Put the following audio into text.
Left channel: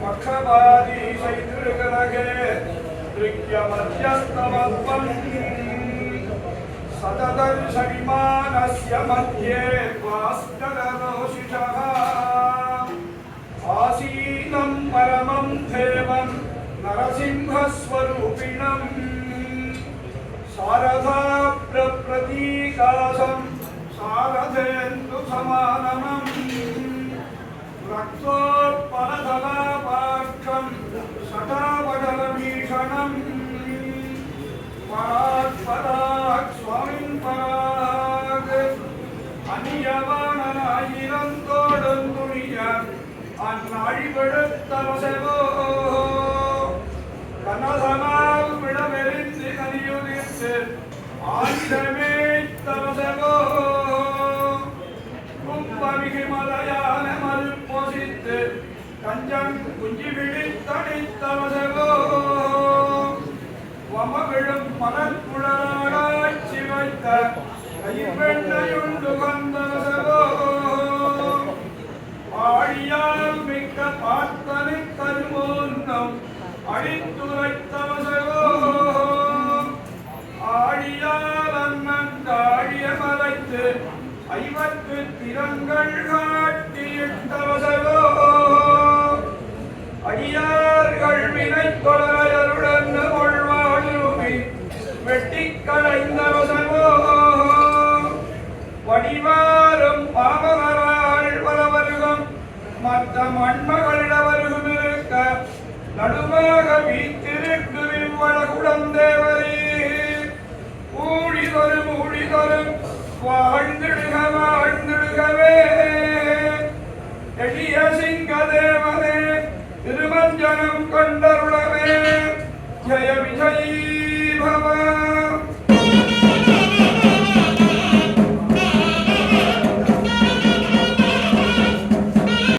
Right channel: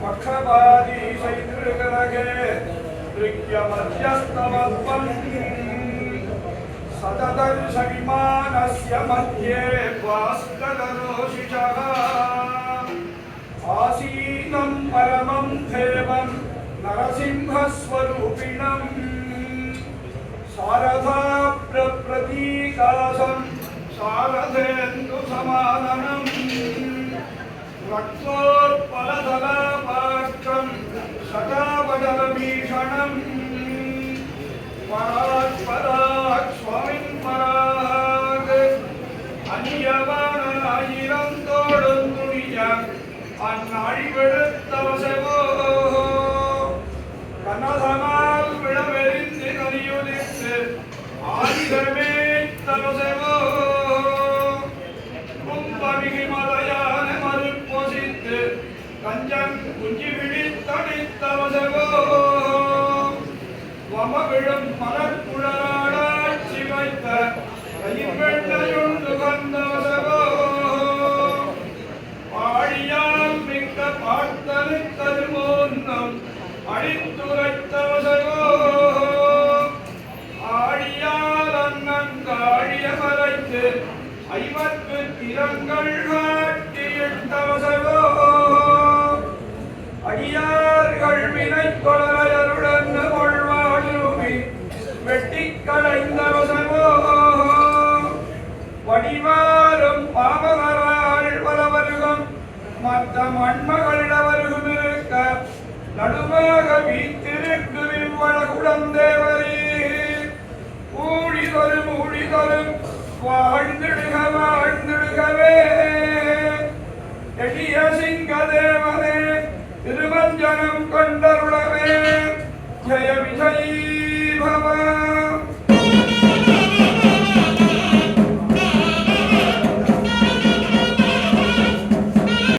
पक्षवादी सततर्षविमानस्य मध्ये भास्कररोषिषः आसीनं परमं देवं नरसिंहस्वरूपिणम् शारदाप्रतीकासं शारदेन्दुसमाननम् रक्तोत्पलधलापाक्षं शतावदलभीषणम् परात्पराक् स्वामिन् पराग அந்நியவானாயிரந்தோடுந்துணிய அந்நாழிவெடுத்தவசவோ கனதனால் விடமெறிந்து நலியுதித்து ஆயுதமே தவசவோ கும்பமிகு மலையான மறுப்பொசித்து கஞ்சன் குஞ்சி விழித்தடித்தவசவோ வமவிழும் மனக்குழலாட்சி வைத்த கைவெண்ணையுண்டு கந்தவசவோ ஆழியால் மிக்க பார்த்தனை தருமோன்னம் அடித்துரைத்தவசவோ ஆழியால் அன்னங்காழிய மறைத்து ஐவர்க்கு திறங்கள் காட்டியிட்டவசவோ அடியார்கள் வினை கொலையருடன் வெட்டிக்கலைந்தவசவோ வடிவாரும் பாவகராள் பலவருகம் மற்ற மண்மகளிடவருகும் இருக்க நடுமாக வீட்டிற்கு விரும்பல குழந்தேவரே ஊழிதரும் ஊழிதரும் வாழ்ந்திடுக வாழ்ந்திடுகவே எளிய சிங்கதேவரே திருமஞ்சனம் கொண்டருளவே ஜய விஜயீ பவ